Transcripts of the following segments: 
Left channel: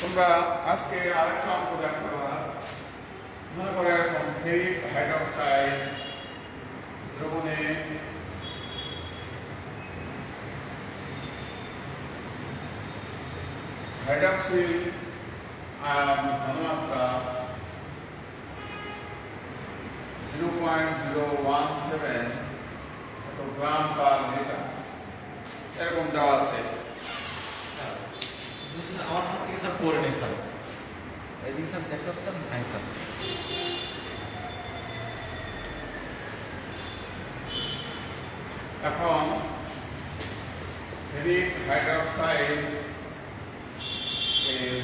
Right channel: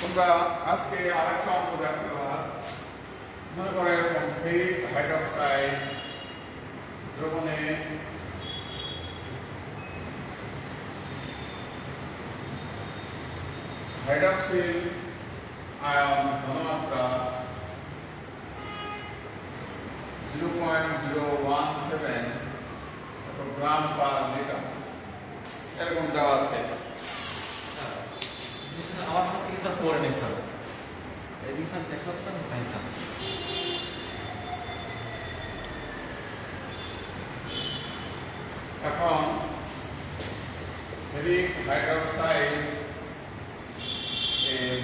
তোমরা আজকে আরেকটা অঙ্ক দেখতে পারো। মনে করে ফেরিক হাইড্রোক্সাইড দ্রবণে হাইড্রক্সিল আয়ন ঘনমাত্রা 0.017 গ্রাম পার লিটার এরকম দেওয়া আছে। এখন ফেরিক হাইড্রোক্সাইড এর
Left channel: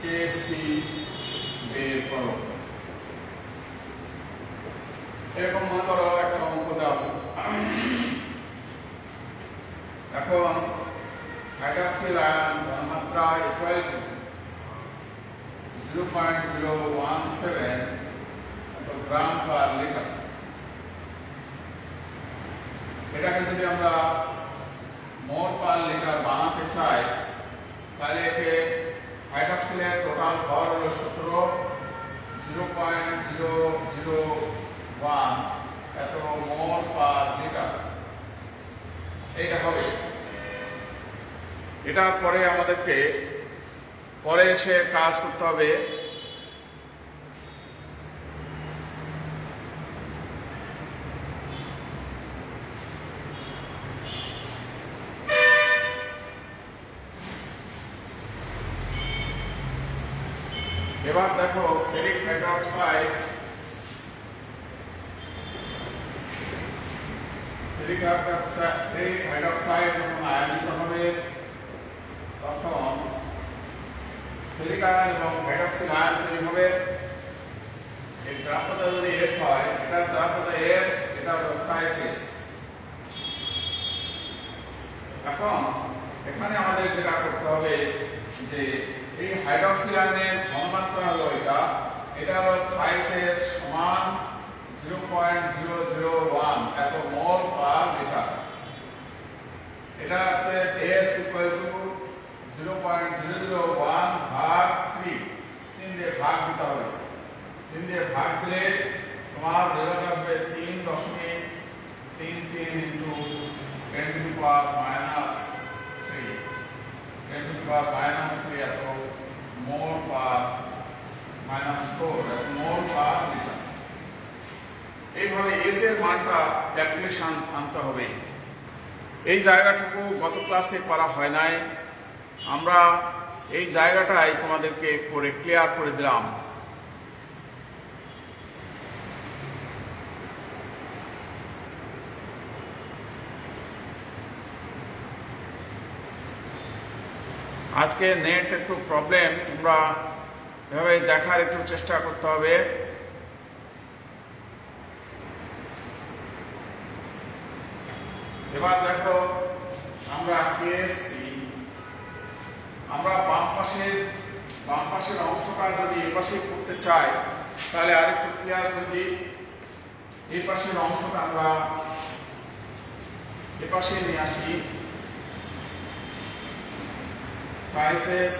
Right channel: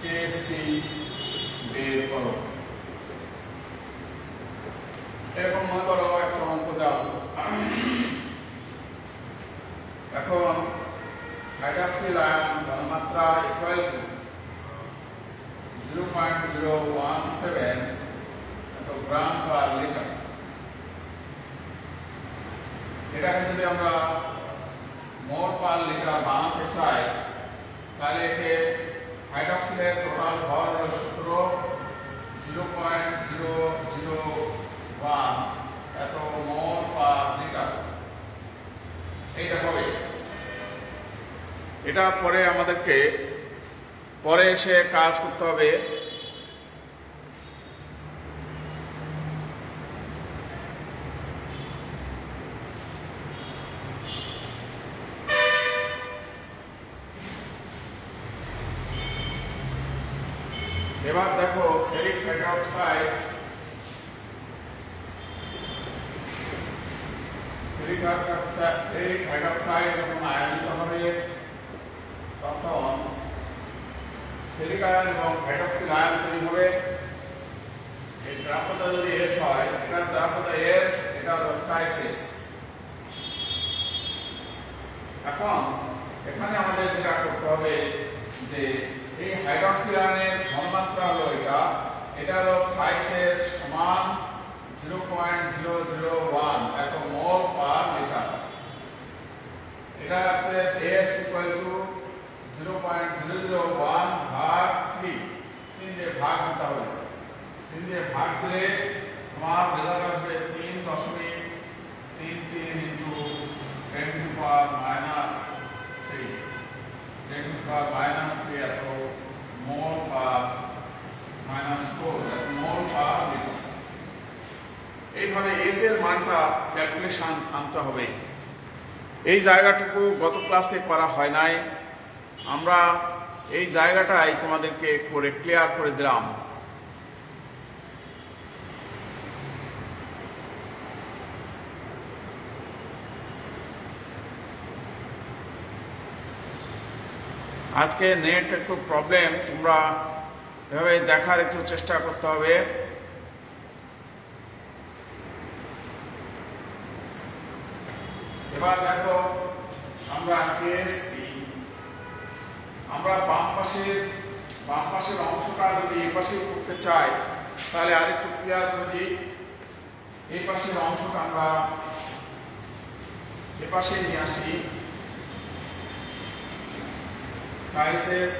কেএসটি বের করো। এরকম মনে করো একটা অঙ্ক দাও। এখন হাইড্রক্সিল আয়ন ঘনমাত্রা equal to 0.017 gram per litre. এটাকে যদি আমরা মোল পার লিটার বানাতে চাই তাহলে একে হাইড্রক্সিলের টোটাল ভর হলো 0.001 এত মোল পার লিটার। এইটা হবে। এটা পরে আমাদেরকে পরে এসে কাজ করতে হবে। এবার দেখো ফেরিক হাইড্রোক্সাইড যখন আয়নিত হবে তখন ফেরিক আয়ন এবং হাইড্রক্সিল আয়ন তৈরি হবে। এই দ্রাবকতা যদি এস হয়, এটা দ্রাবকতা এস, এটা হলো ক্রাইসিস। এখন এখানে আমাদের যেটা করতে হবে যে এই হাইড্রক্সিল আয়নের ঘনমাত্রা হলো এটা হলো থাইসেস সমান 0.001 এত মোল পার লিটার। এটাতে S ইকুয়াল টু 0.001 ভাগ 3 দিয়ে ভাগ দিতে হবে। 3 দিয়ে ভাগ দিলে তোমার রেজাল্ট আসবে 3.33 into 10 to the power -3 10 to the power -3 এত মোল পার -4 এত মোল পার লিটার। এইভাবে এস এর মানটা ক্যালকুলেশন আনতে হবে। এই জায়গাটুকু গত ক্লাসে করা হয় নাই, আমরা এই জায়গাটাই তোমাদেরকে করে ক্লিয়ার করে দিলাম। আজকে নেট একটু প্রবলেম, তোমরা এভাবে দেখার একটু চেষ্টা করতে হবে। এবার দেখো আমরা কেএসটি আমরা বাম পাশের অংশটা যদি এই পাশে করতে চাই তাহলে আরেকটু ক্লিয়ার করে দিই। এই পাশের অংশটা আমরা এ পাশে নিয়ে আসি। ক্রাইসিস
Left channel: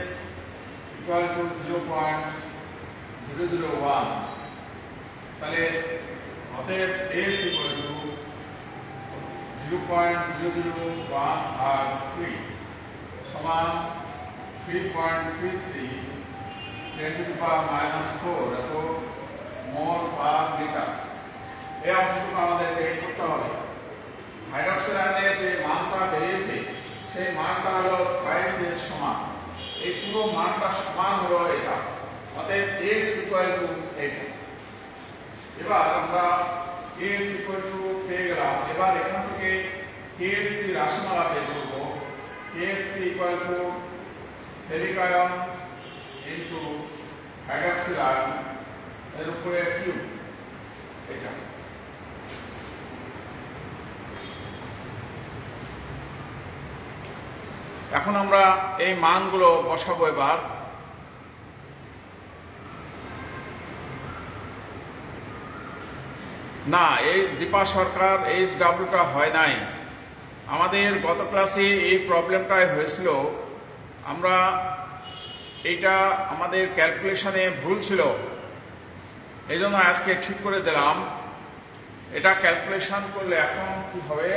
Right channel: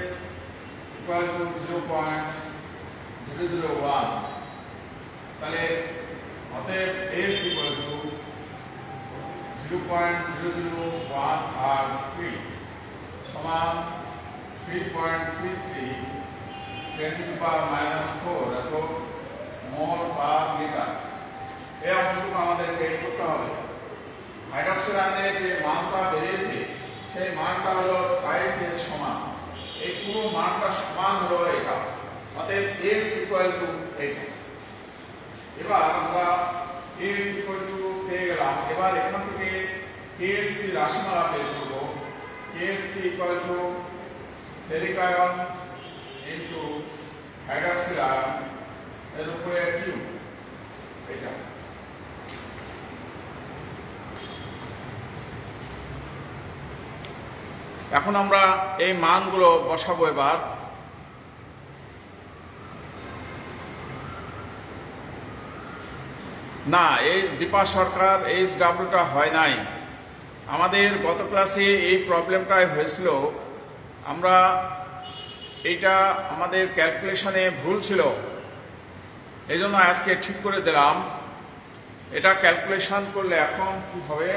ইকুয়াল টু 0.001 তাহলে অতএব এস ইকুয়াল টু 0.001 আর 3 সমান 3.33 10 টু দি পাওয়ার -4 এত মোল পার লিটার। এই অংশটুকু আমাদের বের করতে হবে। হাইড্রক্সিল আয়নের যে মানটা বেরিয়েছে সেই মানটা হলো থাইসের সমান। এই পুরো মানটা সমান হলো এটা, অতএব S ইকুয়াল টু এটা। এবার আমরা S ইকুয়াল টু পেয়ে গেলাম। এবার এখান থেকে KST রাশিমালা বের করব। KST equal to ferric ion into hydroxyl ion এর উপরে কিউ এটা। এখন আমরা এই মানগুলো বসাবো। এবার না, এই দীপা সরকার এইচডব্লিউটা হয় নাই। আমাদের গত ক্লাসে এই প্রবলেমটাই হয়েছিল। আমরা এইটা আমাদের ক্যালকুলেশনে ভুল ছিল, এই জন্য আজকে ঠিক করে দিলাম। এটা ক্যালকুলেশন করলে এখন কি হবে,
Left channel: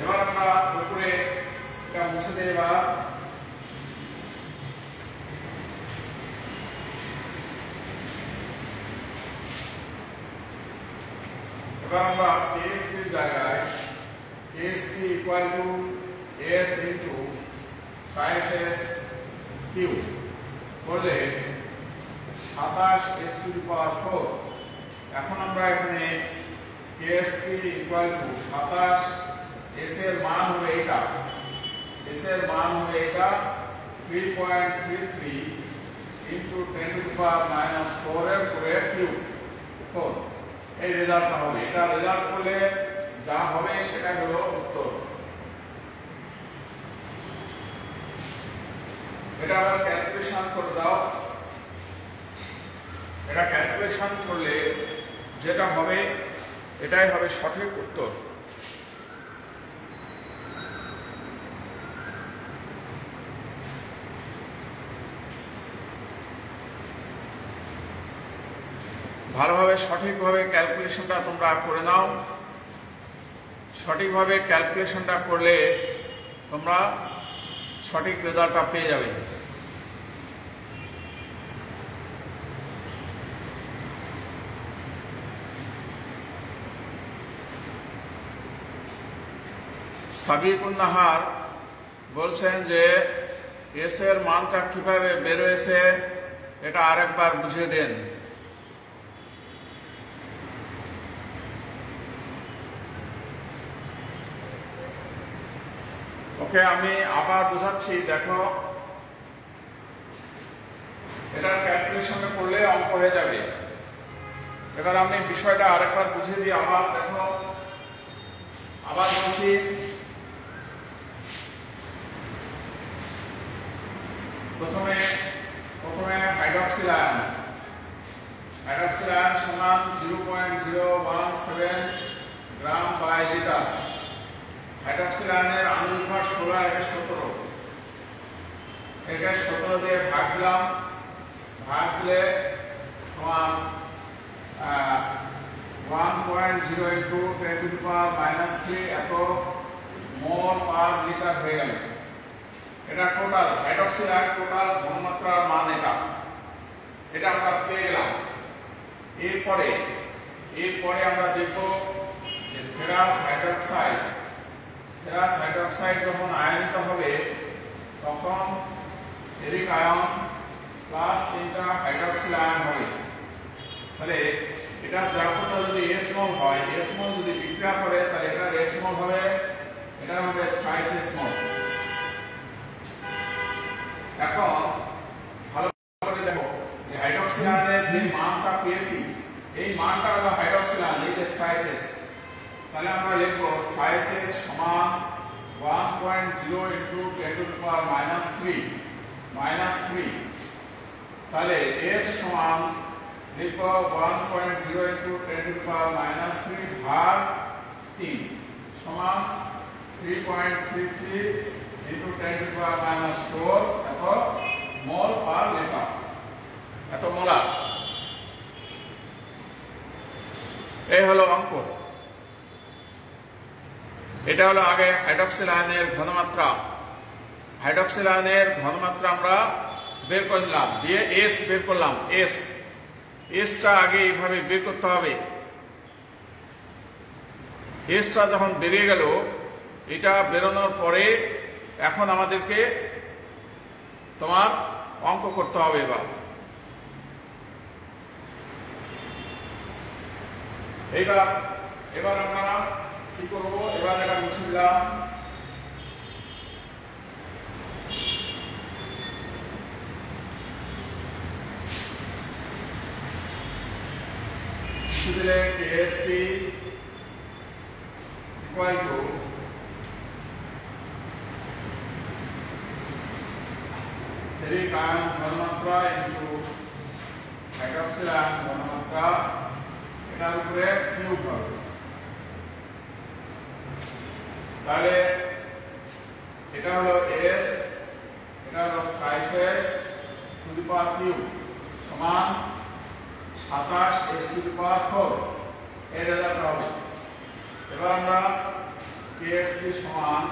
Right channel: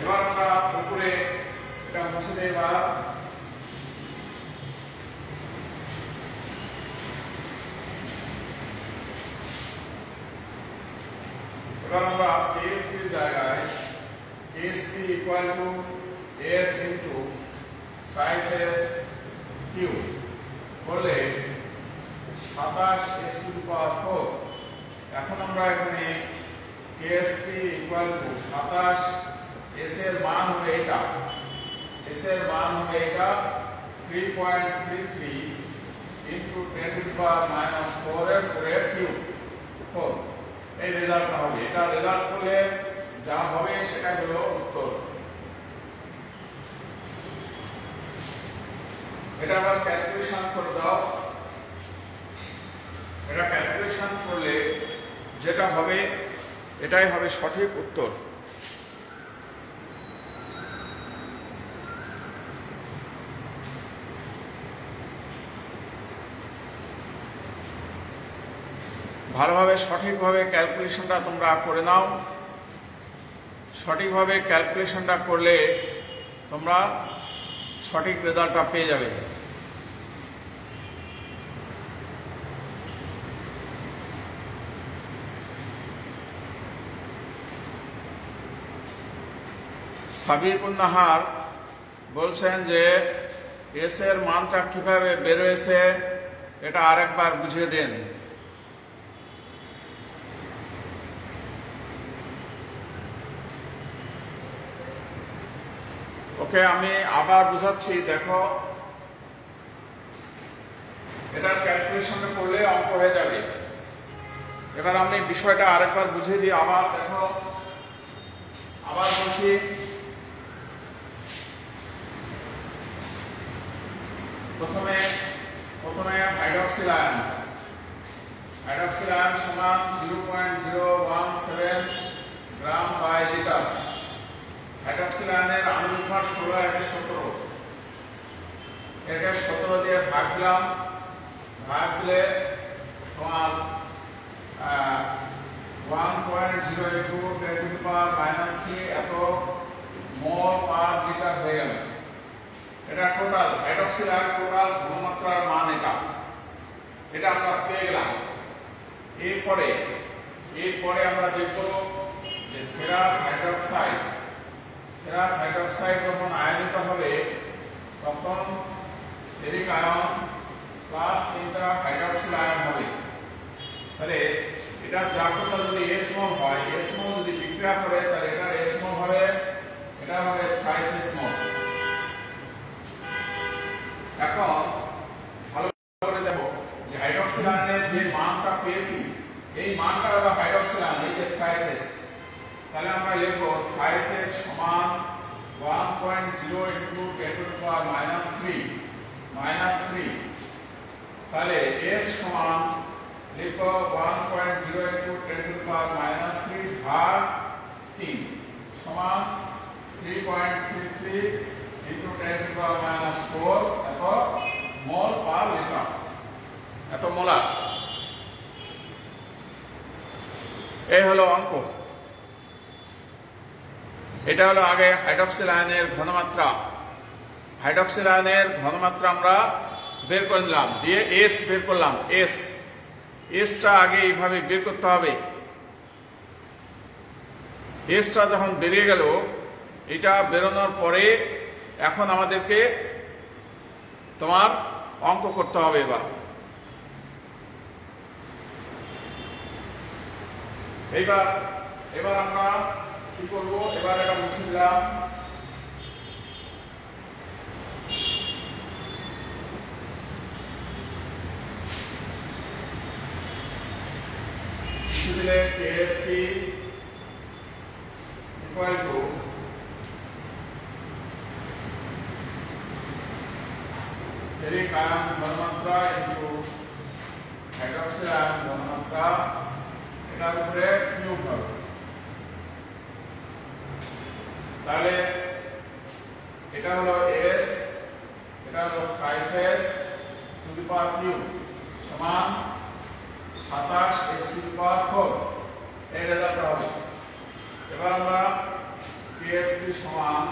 এবার আমরা উপরে এটা মুছে দেই। এবার আমরা ASPর জায়গায় ASP equal to AS into 5S cube করলে 27S টু দি পাওয়ার 4। এখন আমরা এখানে ASP ইকুয়াল টু 27, S এর মান হবে এটা, S এর মান হবে এটা 3.33 ইন্টু 10 টু দি পাওয়ার -4 এর পুরো কিউব 4। এই রেজাল্টটা হবে। এটা রেজাল্ট করলে যা হবে সেটা হলো উত্তর। এটা আবার ক্যালকুলেশন করে দাও। এটা ক্যালকুলেশন করলে যেটা হবে এটাই হবে সঠিক উত্তর। ভালোভাবে সঠিকভাবে ক্যালকুলেশনটা তোমরা করে নাও। সঠিকভাবে ক্যালকুলেশনটা করলে তোমরা সঠিক রেজাল্টটা পেয়ে যাবে। সাবিকুন নাহার বলছেন যে এস এর মানটা কিভাবে বেরোয়েছে এটা আরেকবার বুঝিয়ে দেন। ওকে, আমি আবার বুঝাচ্ছি, দেখো এটা ক্যালকুলেশনটা করলে অঙ্ক হয়ে যাবে। এবার আমি বিষয়টা আরেকবার বুঝিয়ে দিই। আবার দেখো, আবার বলছি, প্রথমে হাইড্রক্সিল আয়ন সমান 0.017 গ্রাম বাই লিটার। হাইড্রক্সিল আয়নের আণবিক ভর 16, এটা 17। এটা 17 দিয়ে ভাগ দিলাম, ভাগ দিলে তোমার 1.0 ইন্টু 10 টু দি পাওয়ার -3 এত মোল পার লিটার হয়ে গেল। এটা টোটাল হাইড্রক্সিল আয়ন টোটাল ঘনমাত্রার মান এটা আমরা পেয়ে গেলাম। এরপরে আমরা দেখব যে ফেরাস হাইড্রক্সাইড যখন আয়নিত হবে তখন ফেরিক আয়ন প্লাস 3টা হাইড্রক্সিল আয়ন হবে। তাহলে এটা দ্রাবকটা যদি S মোল হয়, S মোল যদি বিক্রিয়া করে তাহলে এটা S মোল হবে, এটা হবে 5S মোল। এখন ভালো করে দেখো যে হাইড্রক্সিল আয়নের যে মানটা পেয়েছি এই মানটা হলো হাইড্রক্সিল আয়ন, এই যে 5S। তাহলে আমরা লিখব 5S সমান 1.0 ইন্টু 10 টু দি পাওয়ার -3। তাহলে S সমান লিখব 1.0 ইন্টু 10 টু দি পাওয়ার -3 ভাগ 3 সমান 3.33 ইন্টু 10 টু দি পাওয়ার -4 এত মোল পার লিটার, এত মোলার। এই হলো অঙ্ক। এটা হলো আগে হাইড্রক্সিল আয়নের ঘনমাত্রা। হাইড্রক্সিল আয়নের ঘনমাত্রা আমরা বের করে নিলাম, দিয়ে এস বের করলাম। এসটা আগে এইভাবে বের করতে হবে। এসটা যখন বেরিয়ে গেল, এটা বেরোনোর পরে এখন আমাদেরকে তোমার অঙ্ক করতে হবে। এবার আমরা কি করব, এবার এটা মুছে দিলাম। মুছে দিলে KSP equal to ferric ion ঘনমাত্রা ইন্টু হাইড্রক্সিল আয়ন ঘনমাত্রা, এটার উপরে কিউব হবে। তাহলে এটা হলো s, এটা হলো thrice s two the power cube সমান 27 s টু দি পাওয়ার 4 এই রেজাল্ট হবে। এবার আমরা ksp সমান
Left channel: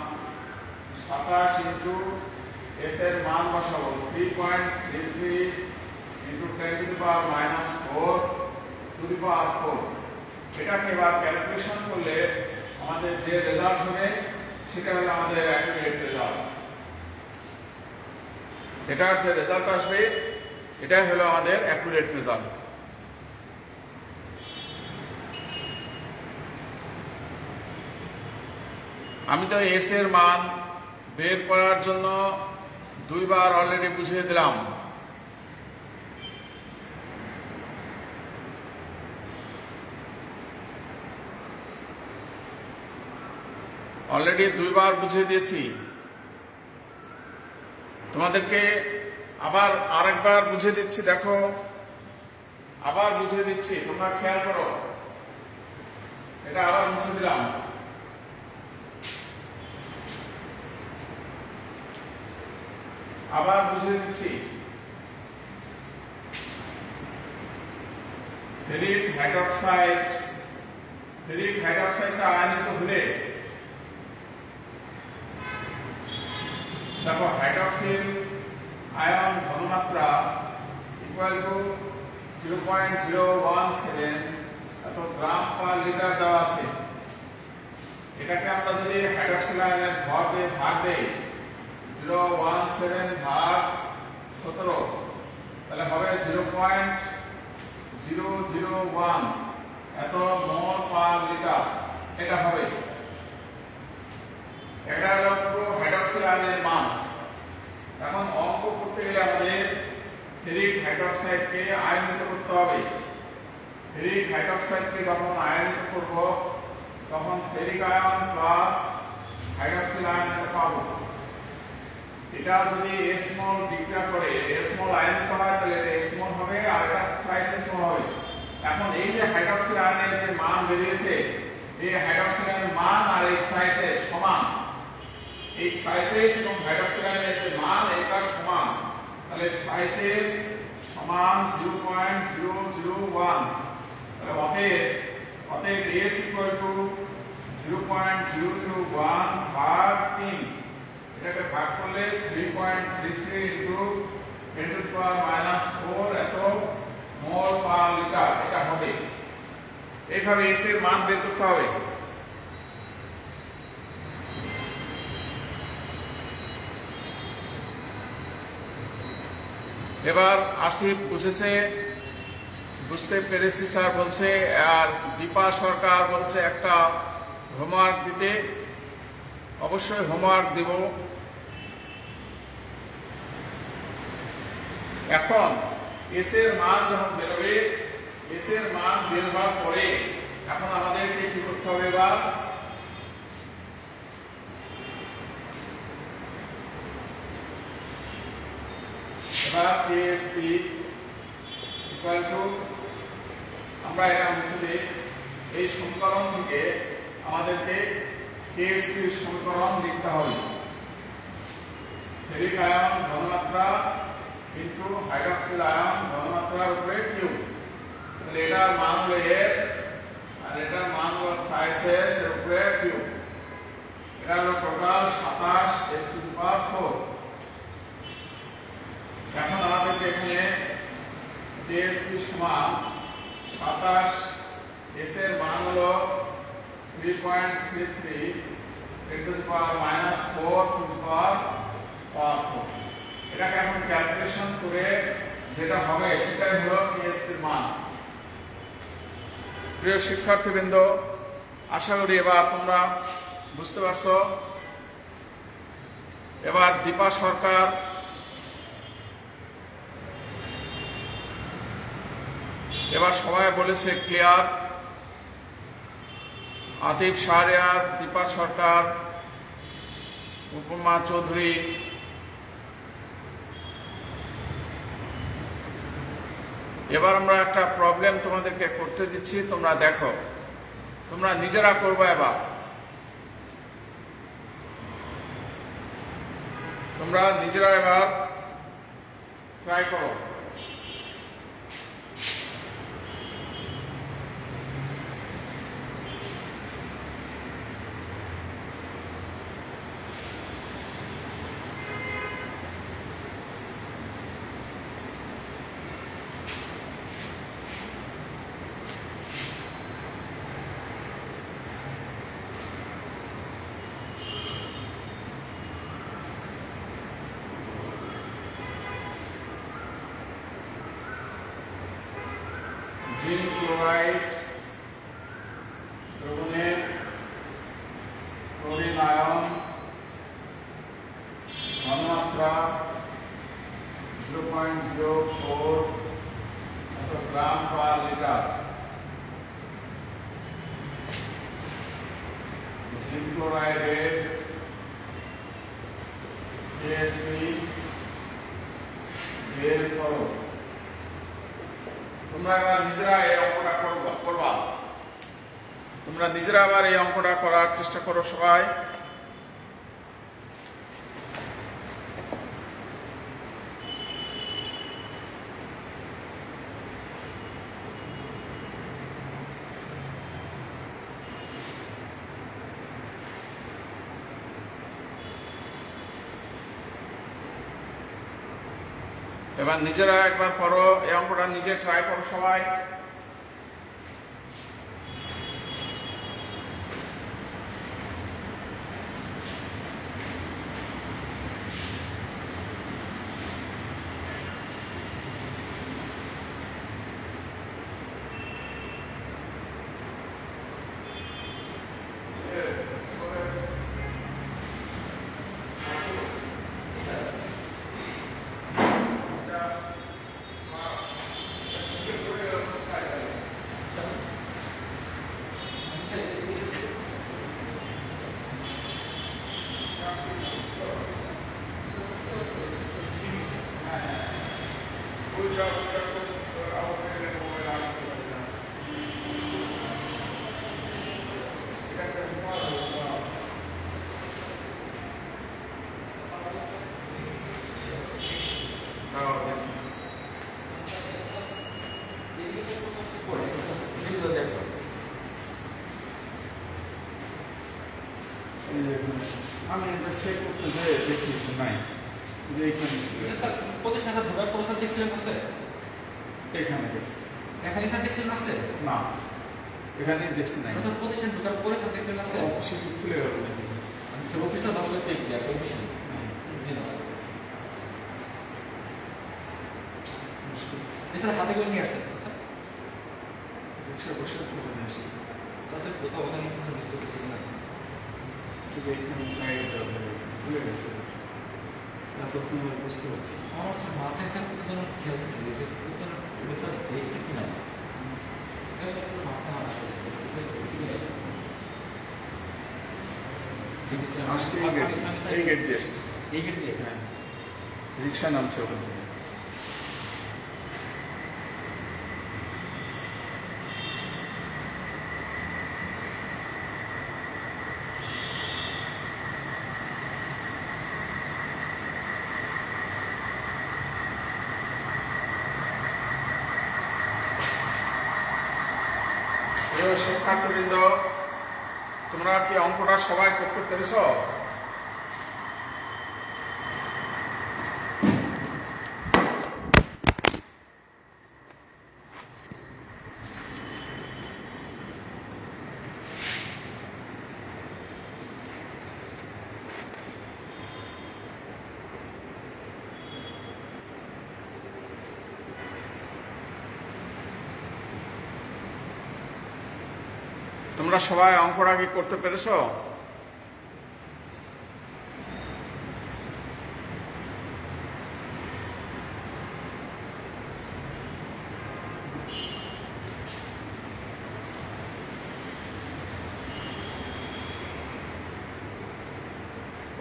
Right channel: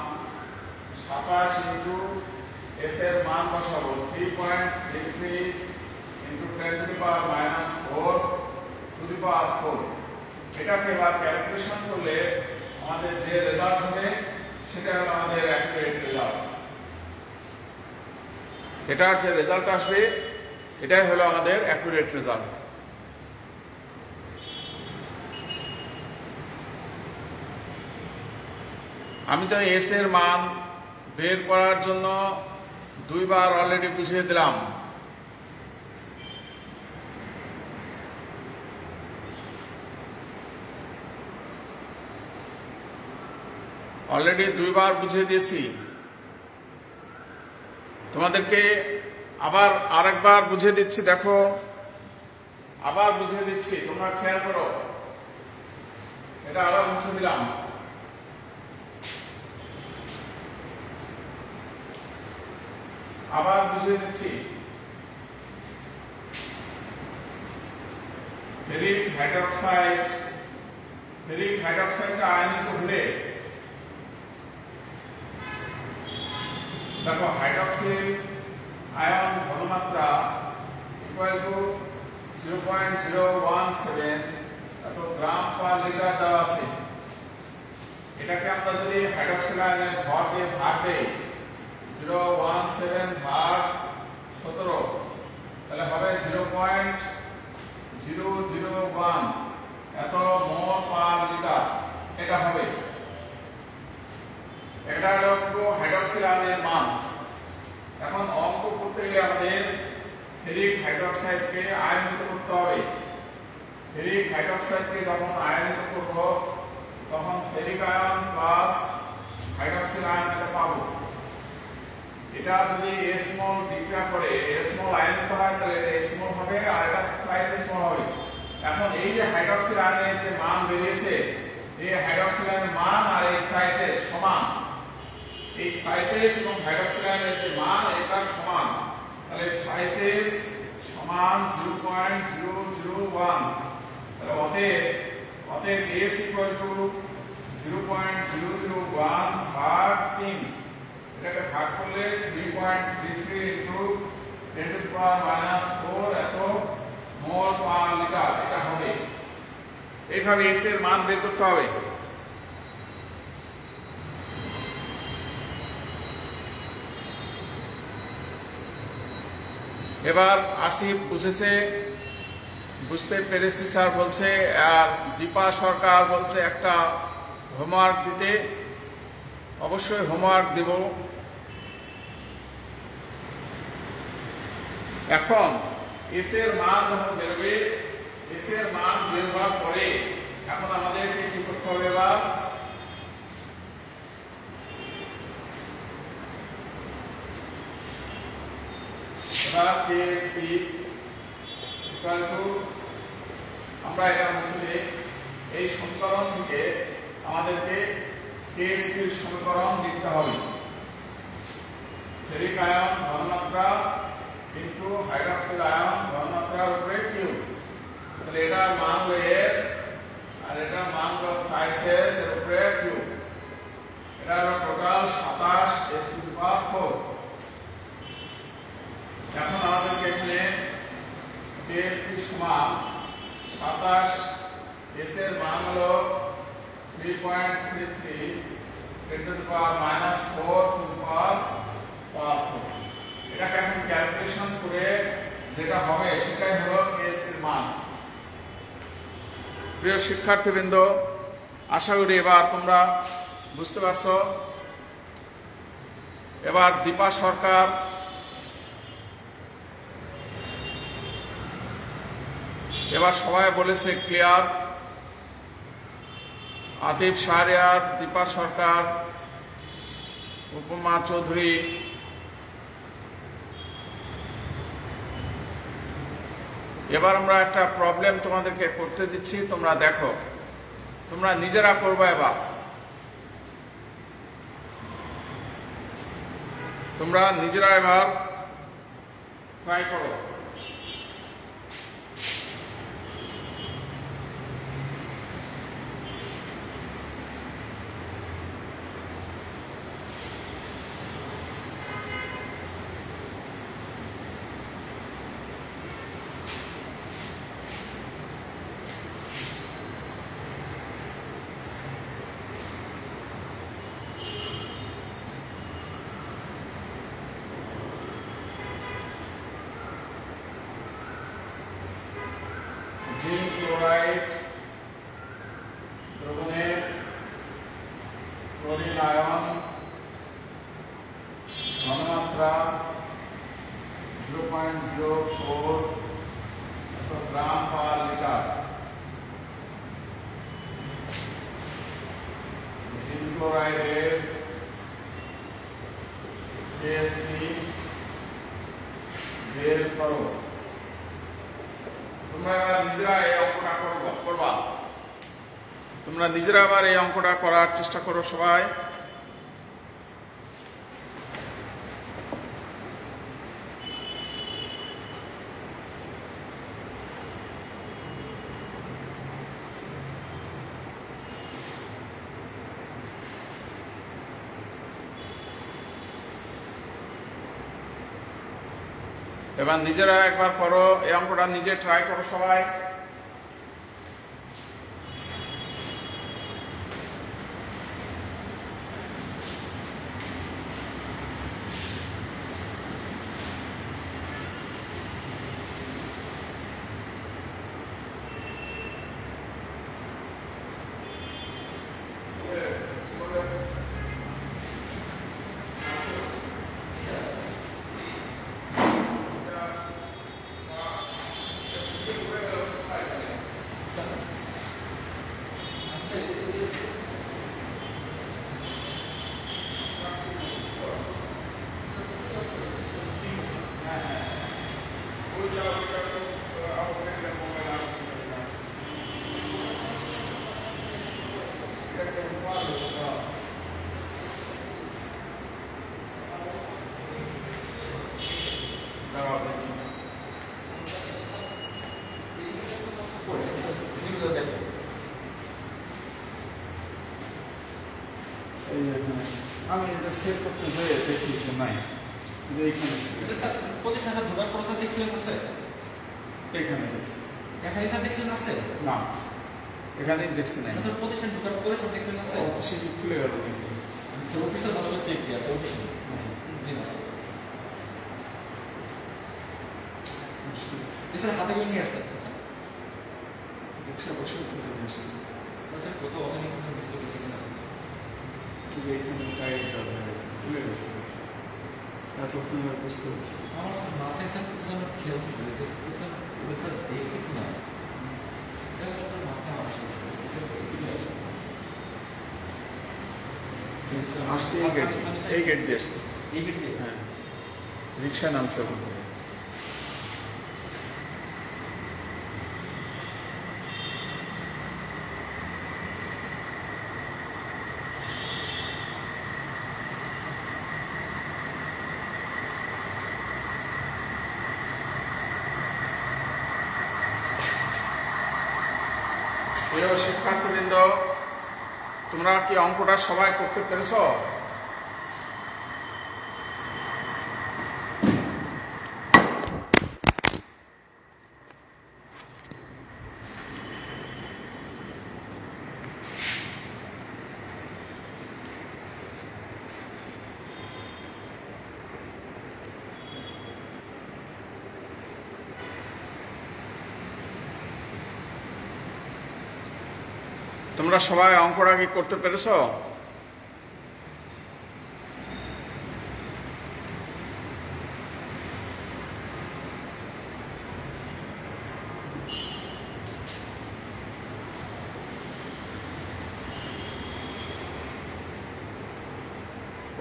27 ইনটু s এর মান বসাবো 3.33 into 10 to the power -4 to the power 4। এটাকে এবার ক্যালকুলেশন করলে আমাদের যে রেজাল্ট হবে সেটা হলো আমাদের অ্যাকুরেট রেজাল্ট। এটার যে রেজাল্ট আসবে এটাই হলো আমাদের অ্যাকুরেট রেজাল্ট। আমি তো এস এর মান বের করার জন্য দুইবার অলরেডি বুঝিয়ে দিলাম। অলরেডি দুইবার বুঝিয়ে দিয়েছি, তোমাদেরকে আবার আরেকবার বুঝিয়ে দিচ্ছি। দেখো, আবার বুঝিয়ে দিচ্ছি, তোমরা খেয়াল করো। এটা আবার মুছে দিলাম। আবার বুঝিয়ে দিচ্ছি। ফেরিক হাইড্রোক্সাইডটা আয়নিত হলে দেখো হাইড্রক্সিল আয়ন ঘনমাত্রা ইকুয়াল টু 0.017 এত গ্রাম পার লিটার দেওয়া আছে। এটাকে আমরা যদি হাইড্রক্সিল আয়নের ভর দিয়ে ভাগ দেই 0.17 ভাগ 17 তাহলে হবে 0.001 এত মোল পার লিটার এটা হবে। এটা হলো হাইড্রক্সিল আয়নের মান। এখন অঙ্ক করতে গেলে আমাদের ফেরিক হাইড্রোক্সাইডকে আয়নিত করতে হবে। ফেরিক হাইড্রোক্সাইডকে যখন আয়নিত করব তখন ferric ion plus hydroxyl ion এটা পাবো। এটা যদি s মোল বিক্রিয়া করে s মোল আয়নিত হয় তাহলে এটা s মোল হবে আর এটা থ্রাইস s মোল হবে। এখন এই যে হাইড্রক্সিল আয়নের যে মান বেরিয়েছে এই হাইড্রক্সিল আয়নের মান আর এই থ্রাইস s সমান। এই থ্রাইস s এবং হাইড্রক্সিল আয়নের যে মান এটা সমান, তাহলে থ্রাইস s সমান 0.001। তাহলে অতএব s ইকুয়াল টু 0.001 ভাগ 3। এটাকে ভাগ করলে 3.33 ইনটু 10 টু দি পাওয়ার -4 এত মোল পার লিটার এটা হবে। এইভাবে s এর মান বের করতে হবে। এবার আসিফ বুঝতে পেরেছি স্যার বলছে, আর দীপা সরকার বলছে একটা হোমওয়ার্ক দিতে। অবশ্যই হোমওয়ার্ক দেব। এখন এস এর মান যখন বেরোবে, এস এর মান বের হওয়ার পরে এখন আমাদেরকে কি করতে হবে? এবার KSP ইকুয়াল টু, আমরা এটা মুছে দিই, এই সমীকরণ থেকে আমাদেরকে KSP এর সমীকরণ লিখতে হবে। ফেরিক আয়ন ঘনমাত্রা ইনটু হাইড্রক্সিল আয়ন ঘনমাত্রার উপরে কিউ। তাহলে এটার মান হলো s আর এটার মান হলো থ্রাইস s এর উপরে কিউ। এটা হলো total 27 s two the power 4। এখন আমাদেরকে এখানে KSP সমান 27 s এর মান হলো 3.33 10 to the power -4 to the power 4। এটাকে এখন ক্যালকুলেশন করে যেটা হবে সেটাই হলো KSP এর মান। প্রিয় শিক্ষার্থীবৃন্দ, আশা করি এবার তোমরা বুঝতে পারছো। এবার দীপা সরকার এবার সবাই বলেছে ক্লিয়ার। আতিফ শাহরিয়ার, দীপা সরকার, উপমা চৌধুরী। এবার আমরা একটা প্রবলেম তোমাদেরকে করতে দিচ্ছি, তোমরা দেখো, তোমরা নিজেরা করবে। এবার তোমরা নিজেরা এবার ট্রাই করো। জিঙ্ক ক্লোরাইড দ্রবণের ক্লোরিন আয়ন ঘনমাত্রা 0.04 গ্রাম পার লিটার। জিঙ্ক ক্লোরাইডের কেএসপি বের করো। তোমরা এবার নিজেরা এই অঙ্কটা করবা। তোমরা নিজেরা আবার এই অঙ্কটা করার চেষ্টা করো সবাই। এবার নিজেরা একবার করো, এই অঙ্কটা নিজে ট্রাই করো সবাই। আমি সেট করতে যাই দেখি নাই এইখানে প্রতিষ্ঠানটা ঢোকার পর স্যার দেখছিলেন আছে এখানে দেখছি এখানে স্যার দেখছিলেন আছে না এখানে দেখছি না স্যার প্রতিষ্ঠান ঢোকার পরে স্যার দেখছিলেন আছে অফিসে খুলে গেল দেখি স্যার অফিসার ভালো চেক দিয়ে আছে অফিসে জি না স্যার হাতে করে নিয়ে আসছে রিক্সা বসে নিয়ে আসছি তাছাড়া কোথাও অনেক কিছু মিস্টেক হয়েছে না ঠিক এখানে টাইট খুলে গেছে কতক্ষণ বুঝতে পারছি আমার স্যার মাথায় স্যার কোথাও খেলতেছিল যে কোথাও ওটা দেখছি কিনা এটা তো মাথা আসছে দেখছি কিনা আসছে এই গেট দিয়ে আসছে এই গেট দিয়ে হ্যাঁ রিক্সা নামছে ওখান থেকে প্রিয় শিক্ষার্থীবৃন্দ, তোমরা কি অঙ্কটা সবাই করতে পেরেছ? তোমরা সবাই অঙ্কটা কি করতে পেরেছ?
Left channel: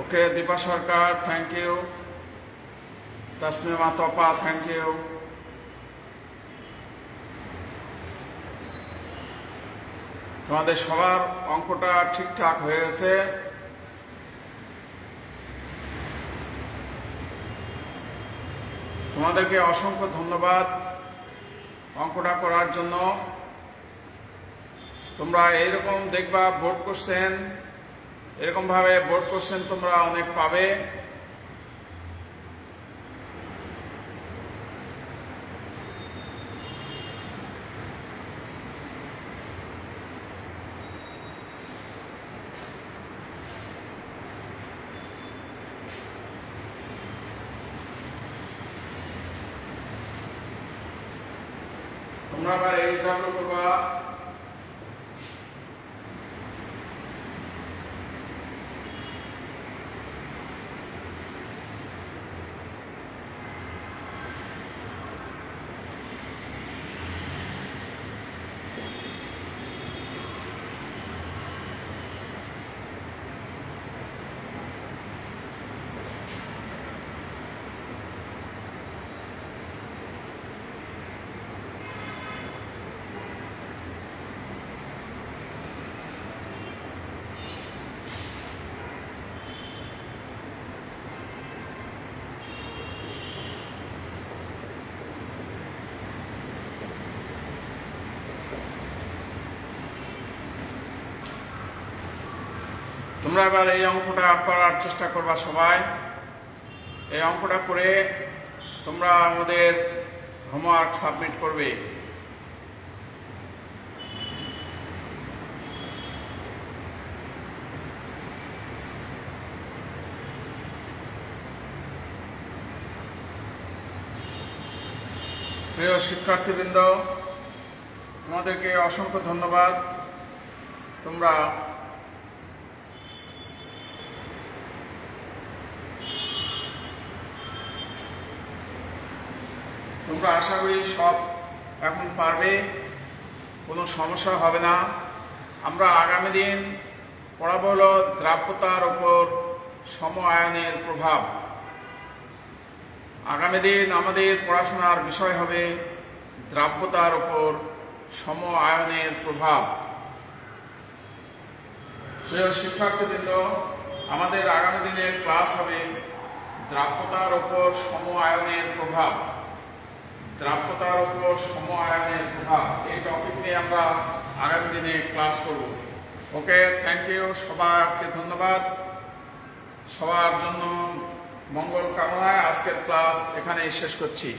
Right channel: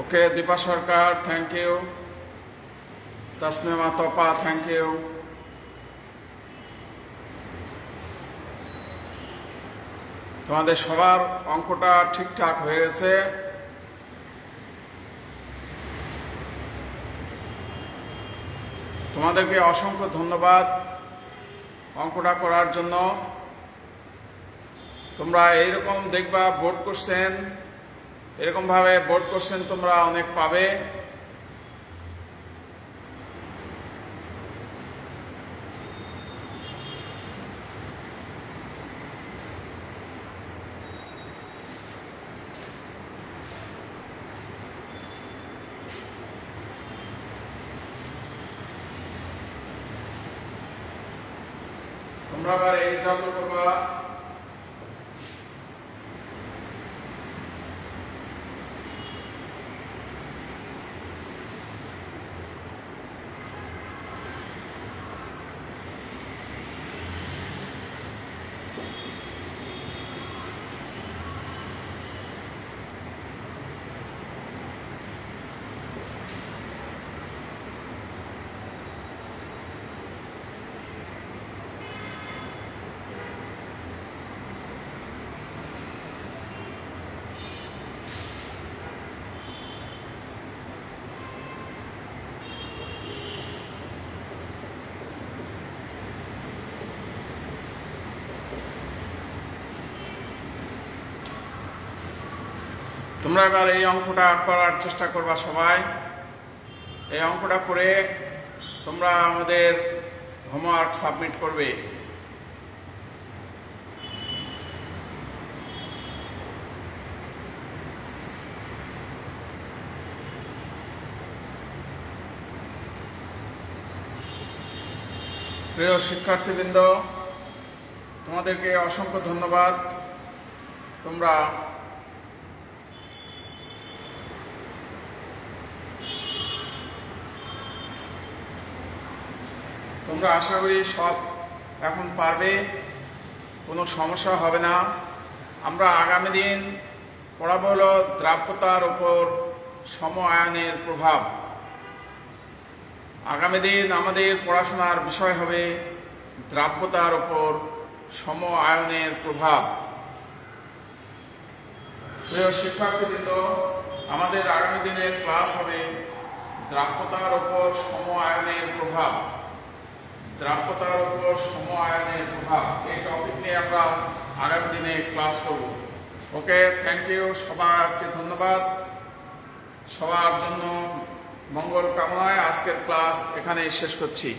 ওকে, দীপা সরকার থ্যাংক ইউ, তাসমিমা তপা থ্যাংক ইউ। তোমাদের সবার অঙ্কটা ঠিকঠাক হয়ে গেছে। তোমাদেরকে অসংখ্য ধন্যবাদ অঙ্কটা করার জন্য। তোমরা এইরকম দেখবা বোর্ড কোশ্চেন, এরকম ভাবে বোর্ড কোশ্চেন তোমরা অনেক পাবে। তোমরা আবার এই হিসাবটা করবা। তোমরা এবার এই অঙ্কটা করার চেষ্টা করবা সবাই। এই অঙ্কটা করে তোমরা আমাদের হোমওয়ার্ক সাবমিট করবে। প্রিয় শিক্ষার্থীবৃন্দ, তোমাদেরকে অসংখ্য ধন্যবাদ। তোমরা আশা করি সব এখন পারবে, কোনো সমস্যা হবে না। আমরা আগামী দিন পড়াবো হলো দ্রাব্যতার উপর সম আয়নের প্রভাব। আগামী দিন আমাদের পড়াশোনার বিষয় হবে দ্রাব্যতার উপর সম আয়নের প্রভাব। প্রিয় শিক্ষার্থীবৃন্দ, আমাদের আগামী দিনের ক্লাস হবে দ্রাব্যতার উপর সম আয়নের প্রভাব। দ্রাব্যতার উপর সম আয়নের প্রভাব এই টপিক নিয়ে আমরা আগামী দিনে ক্লাস করব। ওকে, থ্যাংক ইউ, সবাইকে ধন্যবাদ। সবার জন্য মঙ্গল কামনায় আজকের ক্লাস এখানে শেষ করছি।